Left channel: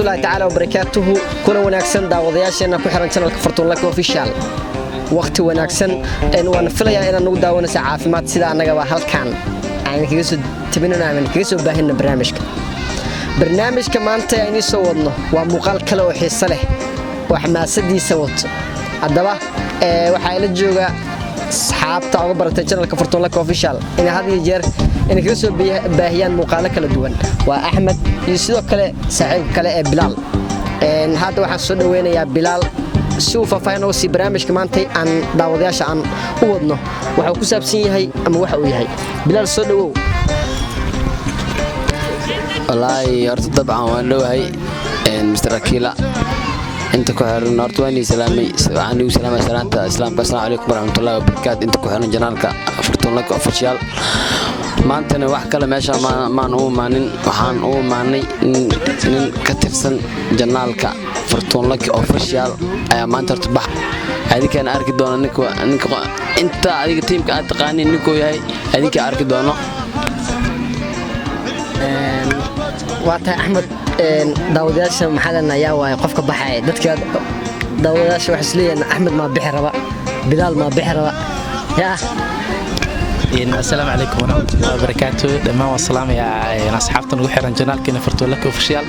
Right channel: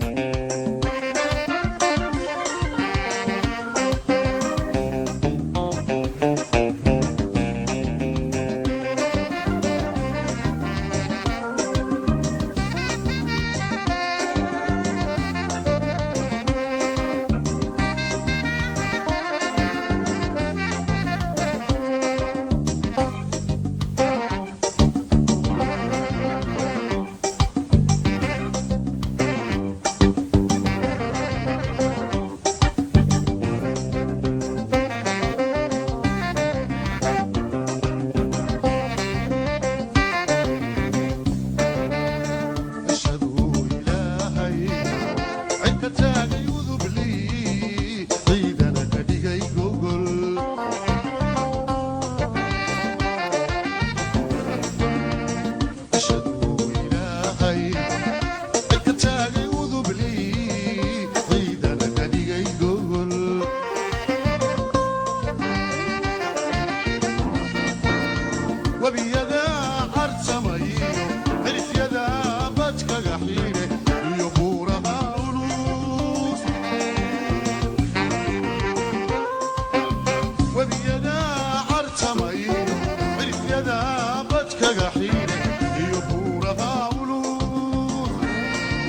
الله تعالى وبركاته كنا وناكسن داودياشنا ku xiran channelka Fortune Lucky Official waqti wanaagsan waan filayaa inaan ugu daawanayso caafimaad sida anaga waa halkan aan kaga soo tabinayna kaga soo baahina barnaamijka maanta aynu soo wadno waa muuqaal kale oo xiiso leh wax maasadiisa wato hadaba waxa ila jooga asxaabta ugu baratay channelka Fortune Lucky Official in had iyo jeer in kaga soo baahiyaan muuqaalo kala duwan waa Ahmed iyo sidoo kale saaxiib kale ee Bilal hadda waxaan soo dhaweynayaa Bilal سوف فاينو سي برنامج كمان تي عن داودياش عن ودنا waxa ku saabsan yahay ama waxa uu yahay Bilal soo dhawow wallahi horta dabcan waan dhawahay Mr. Akila inta ku xiran horta waan islaamay waxaan ugu salaamay salaanta islaamka assalaamu alaykum warahmatullahi wabarakatuh inta ku xiran janaalka Fortune Lucky Official maantana wax kale meesha maan u maanin waxaan u maanay in ka tirsan janaalka Fortune Lucky Official ayaa maanta horta bax adika aan arki doono ninka inta adiga teamka aad taqaaniin ninkoo yahay adika arki doono waata Ahmed daawadaasha maxalana ayaa waay qofka baxay dadka daawadaasha wax isleeyeen Ahmed ma bixi raba Bilal ma bixi raba yaa السلام عليكم ورحمة الله وبركاته دمان والسلام يا أصحابنا ugu xiran janaalkeena Fortune Lucky Official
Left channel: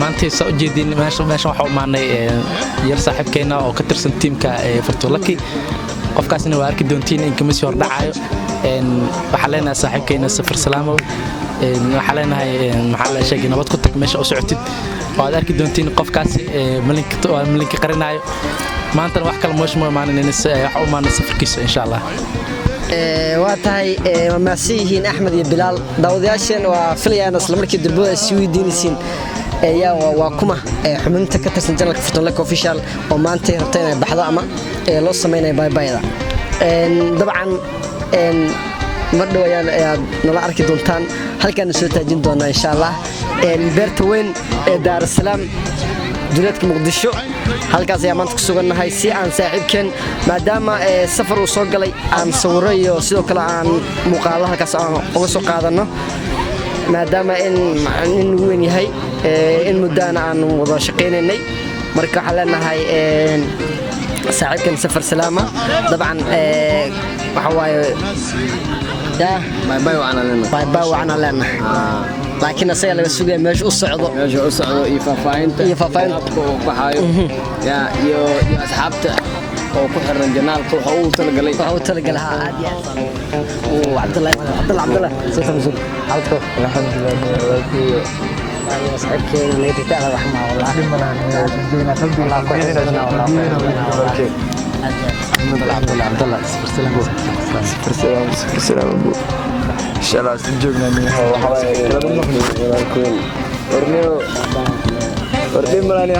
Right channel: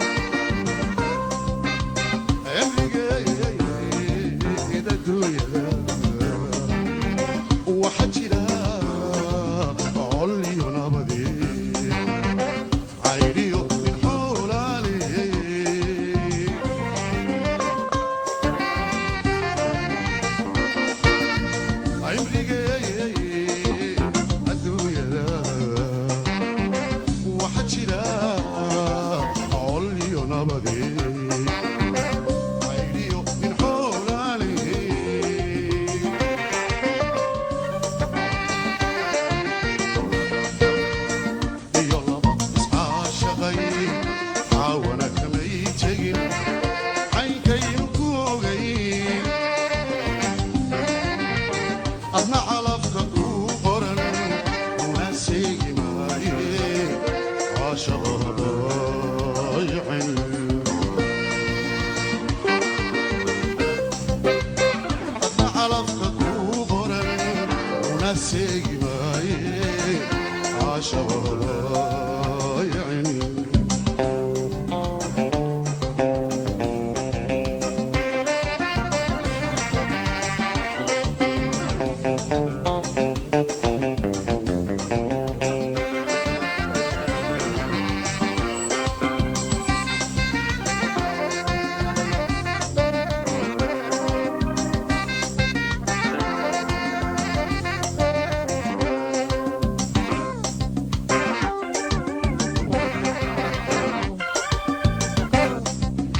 maanta soo jeedin meesha waxa u maanay yar saaxiibkeena oo ka tirsan teamka Fortune Lucky qofkaasna waa arki doontiin in kama soo dhacayo waxa leenahay saaxiibkeena safar salaamo waxa leenahay maxaa la sheegay nabad ku tag meesha u socotid waa arki doontiin qofkaas malinka qarinayo maanta wax kale moosh ma maanin in waxa u maanay safarkiisa insha Allah واتاي وماسيهين أحمد بلال داودياشين وفليان أصلا مركي دبوا السويدينيسين يا وكما حمنت كتسن جنك Fortune Lucky Official وما أنت هتين بحضا ما لو سمينا باي باي طبعا مدوا يا نلا أركي دولتان هل كان نسوي تاجين دونا إن شاء الله بيرتوين دار السلام دولتك مقدشو halkaas ayaa maanta ku sugannahay si aan saaxiibkeen maadaama safar uu soo galay aan sawirayo sidoo kale aan muuqaalaha halkaas aan uga soo qaadano maadaama in weyn yahay in muddaana aan wada shaqaynaynay marka waxaan leenahay saaxiibkeen safar salaama dabcan waxa waaye باي باي وعنا لنا لكن أصلا لما سوي مش أصعده يفافين يا أصحابته وفكر الجنال هو تلقى لها وعبد الله سوسن عفوا أكيد اللي تعالى رحمه إن شاء الله سنجوبنا وردين ملاني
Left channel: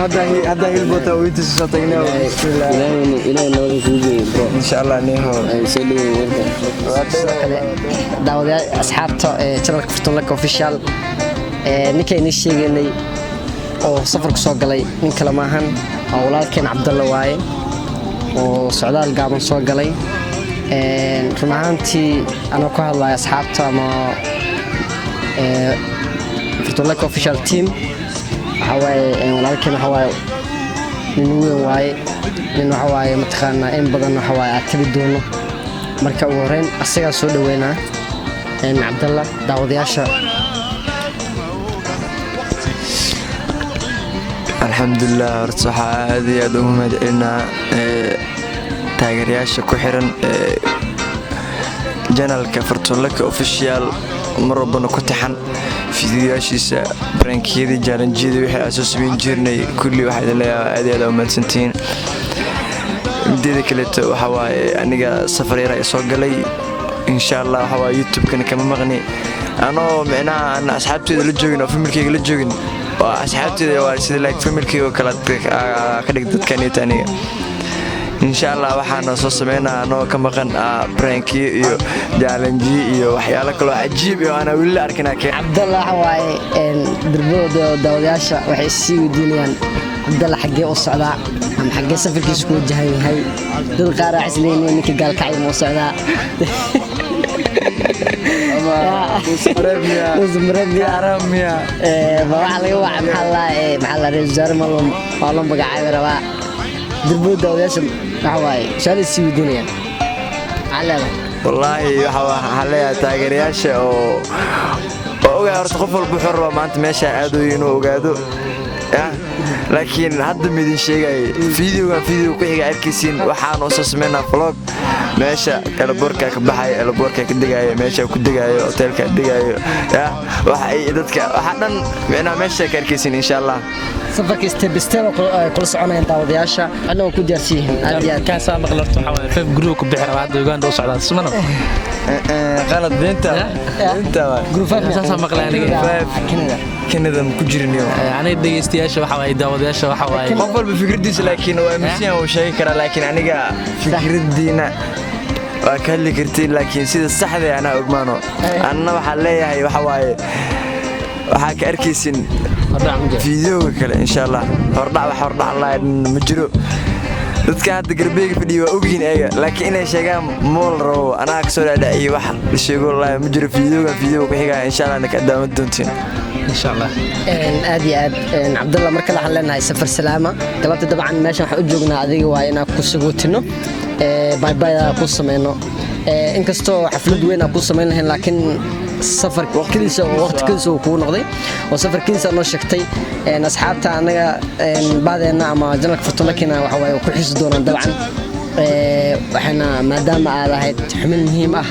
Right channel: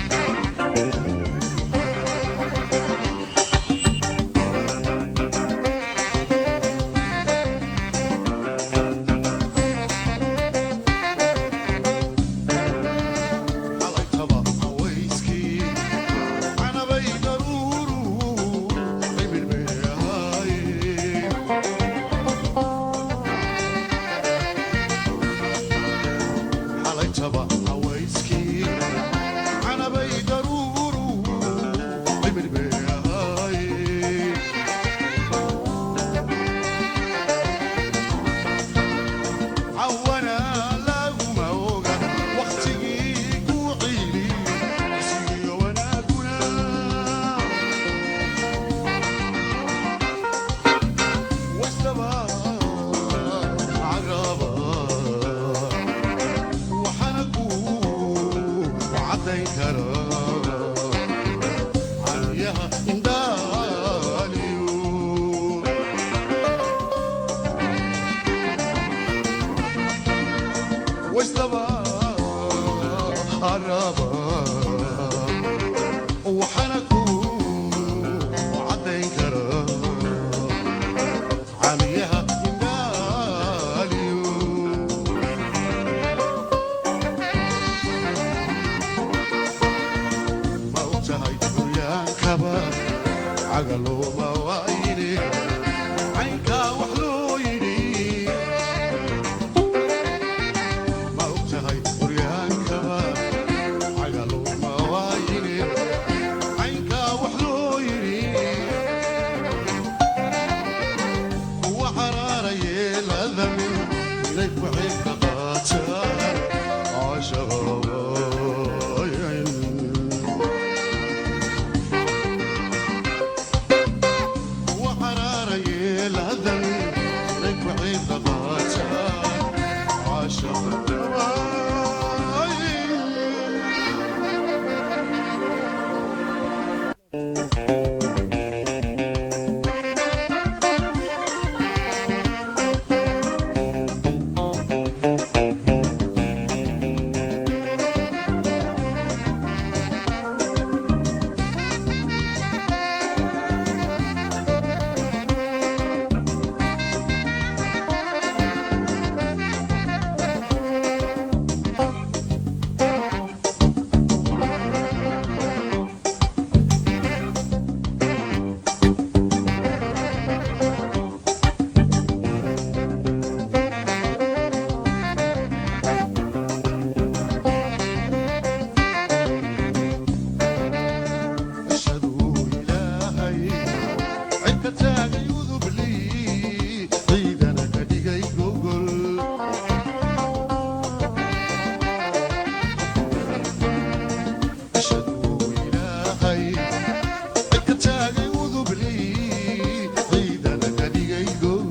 هذا يبوتا ويتسشطينا إن شاء الله نيهو داودة أصحابته channelka Fortune Lucky Official ninkay ni sheeganay oo safarku soo galay nin kale maahan walaalkeen Cabdalla waaye oo socdaal gaaban soo galay rumaantii ana ku hadlay asxaabta ma Fortune Lucky Official team haway walaalkeen haway nin haway mataqaana in badan haway akadi doono marka uu horeen asaga soo dhaweynaa Cabdalla daawadayaasha الحمد لله ارتاح هذه يوم مدعنا تاجرياشا كحرن جنالك Fortune Lucky Official مربنا كتحن فيديوهاشيسا برانكيدي جارنجيدي وحي أساس من جيرني كل واحد لها هذه لو من سنتين مديدي كليتو وحواي أنيقا سفري رأي صوق لي إن شاء الله حواي يوتيوب كان مغني أنا معناها أنا أصحابتي اللي جوين أو فيلمكي اللي جوين وأصحابتي اللي سيدي لايك فيلمكي وكالات بيك كدك دكاني تانية إن شاء الله waxaan soo sameynaa anoo ka maqan pranki iyo challenge iyo waxyaalo kale cajiib ah ana wili arkina Cabdalla waaye darbooda daawadayaasha waxay sii wadinayaan عبدالله حقي وصعدا أم حقي سفر كيسكو جهي هاي دل قارع عسلين وإنك قال كعين وصعدا زمرد يا رميا وعلى محل رجال مالهم والله بقى عامل رواح دبوده وياسم نحواي شال السويدية على والله waxaa leeyahay taageerayaasha oo ogaa horta qof walba wuxuu rabaa maanta meesha aado inuu ogaado laakiin hadda midin sheegay video ku xiga arkaysiin waxaan oo soo sameynaa vlog meesha elborka ka baxay elborka ka digayo meesha ku digayo hotelka digayo waxa ay dadka waxa dhan meesha ka arkaysiin insha Allah safarka step kula soconayaan daawadayaasha anoo ku diyaarsiin aad iyo كان سامق لفت حوالي في جروب كبير بعد وقان دوس على السمنة qalad beenta جروفات سامق لاني كندا ku jirin يعني ديستياش وحوالي داودياش وحوالي qof walba fikradiisa laakiin waa mission uu sheegi karaa laakiin aniga fikradiina waa ka heli kartiin laakiin sida saxda ah anaa ogmaano anna waxa leeyahay waxa waaye waxa ka arkaysin fiidiyowga kale insha Allah hordhac ma jiro dadka hadda galbeega fadhiyo waa ogyihiin ayaga laakiin inay sheegaan mool rabo anaa ka soo dhaadhiciyo wax sheego wallaahi ma jiro fiidiyowga xigaa insha Allah naka daawan doontiin insha Allah aad iyo aad Cabdallah marka la hadlanahay safar salaama galabta dabcan meeshan waxa u joognaa adiga waa inaan ku sugootino bye bye ku sameeyno inkastoo xaflad weyn aan ku sameyn lahayn laakiin safar waqtigiisa uu ku noqday oo safarkiisa noo sheegtay asxaabta anaga baadeena ama janalka furtulakina waxa way ku xisi doonaan dabcan waxana maadaama aad ahayd xubin muhiim ah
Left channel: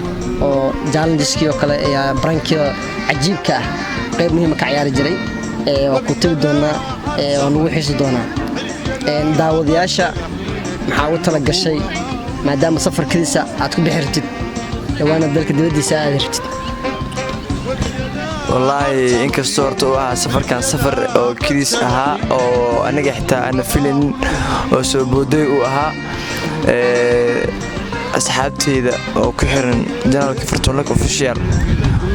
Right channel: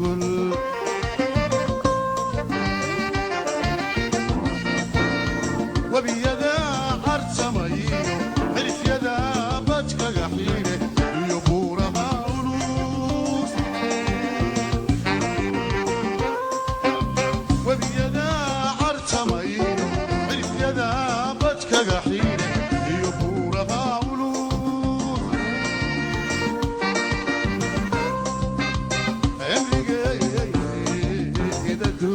oo challengeski oo kale iyo brankio cajiibka ah qayb muhiim ka ciyaari jiray oo ku tiri doonaa oo nagu xisi doonaa daawadayaasha maxaa u tala gashay maadaama safarkiisa aad ku bixirtid waana dalka dibadiisa aad jirtid والله inkastoo horta uu ahaa safarkan safar oo kiriis ahaa oo aniga xitaa aan filin oo soo booday uu ahaa asxaabteyda oo ku xiran janalka Fortune Official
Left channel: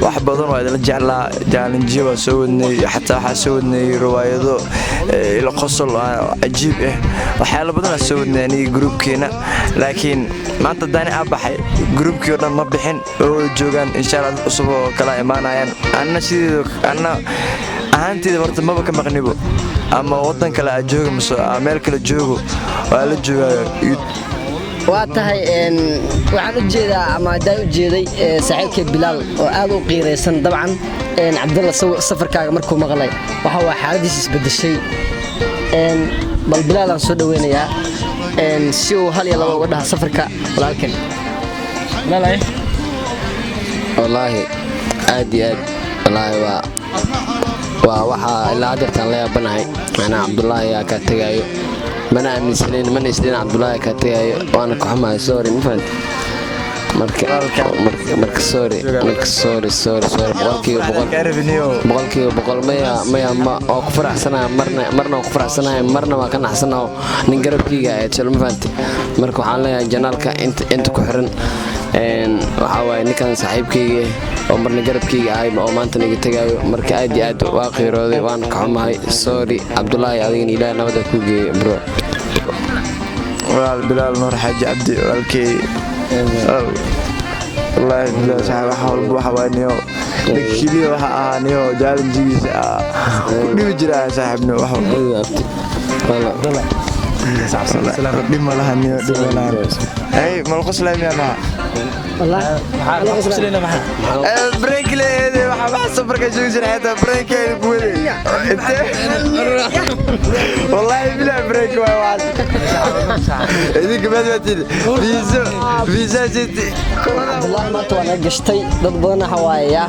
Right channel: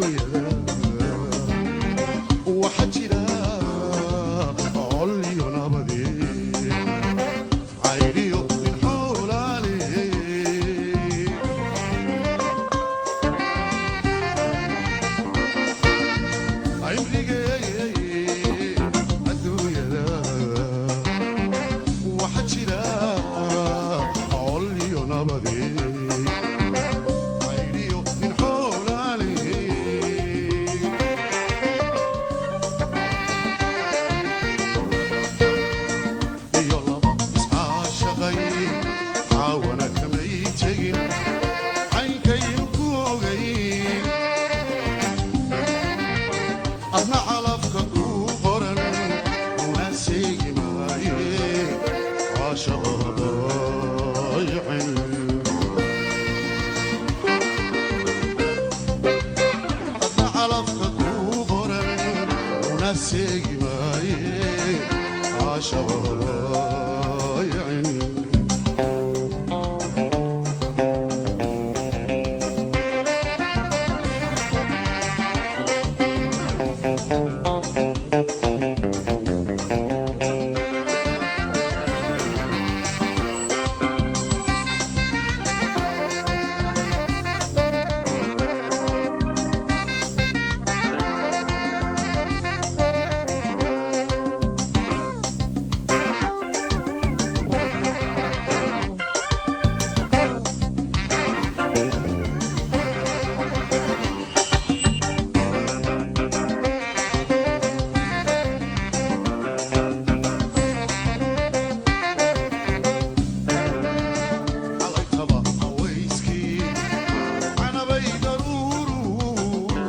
wax badan waa la jeclaa challenge waa soo wadnay xataa waxa soo wadnay riwaayado ila qosol ajiib ah waxyaalo badan soo wadnay aniga groupkeena laakiin maanta daani abaxay groupkii oo dhan ma bixin oo joogan insha Allah cusub oo kala imaanayaan anna ahaanteeda horta maba ka maqnibo ama wadan kale aad joogo mise meel kale joogo waa la joogaa واتهاي waxaan u jeedaa ama daan jeeday saaxiibkay Bilaal oo aad u qiireysan dabcan Cabdallah safarkaaga markuu maqlay waxa waa xaaladiisa isbedeshay bal Bilaal aan soo dhaweynayaa si uu hal iyo laba uga dhaha safarka laakiin والله عادي والله waxa la adeerta la yaabanahay ana Cabdullah ya ka tagayo mana isdin Cabdullah ka tagayo waan ku xamaay sorry marka sorry ma oo ku faraxsanahay marna ku faraxsanahay marna waa ka naxsanahay nin garabkiga ee tilmaanti marka waxaan leeyahay janaalka inta ku xiran waxa waay ninkan saaxiibkayga oo marna garabkayga ahay oo maanta naga tagayo marka aad iyo aad waa qiirooday waan ka xumahay sorry Cabdullah adiin ilaa nabada ku geeyo bro Bilaal Nur Xaaji Cabdi walkay والله بلا صاحب حول وحوانيو كذي وحانيو جال جيس بيجرا صاحبنا وحول سلام دي مالها نيو دي مالها اي مالكو سلام يا والله بريك لي وحبا صبرك جوجر هذا بريك والله بلا بريك واحد هذيك بدات فيزا جدي والله قشتي ضدنا حوايا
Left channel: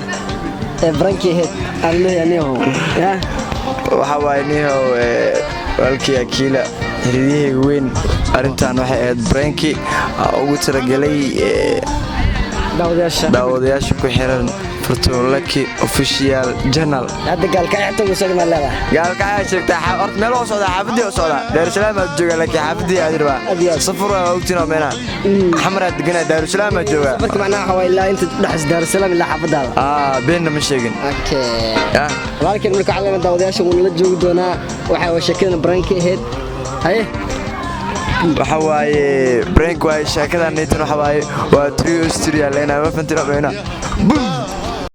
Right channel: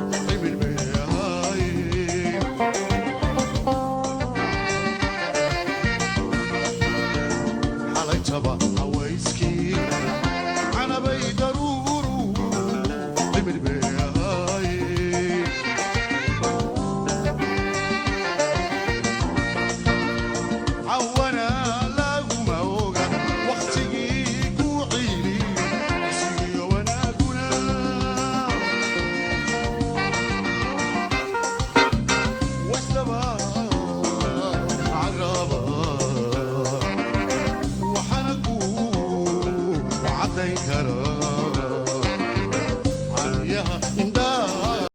برانكي الميانيو وحواينيو والكي أكيلا هذه وين أرنتان واحد برانكي أو ترجلي داودياش كحيران Fortune Official Channel هذا قال كعته وصل ما لا قال كعته تحت ملو صدا حفدي وصدا دار السلام جوجا لك حفدي أدرى صفر وقتنا منا حمرة دقنا دار السلام جوجا بس معناها هو إلا أنت تحس دار السلام إلا حفدها بيننا مش شيء أوكي walaalkeen marka calaamada daawadayaasha wuu la joogi doonaa waxa uu sheekada brank ahayd haye waxa waaye break waaye sheekadan waxa waaye waa trio studio leena ma fantina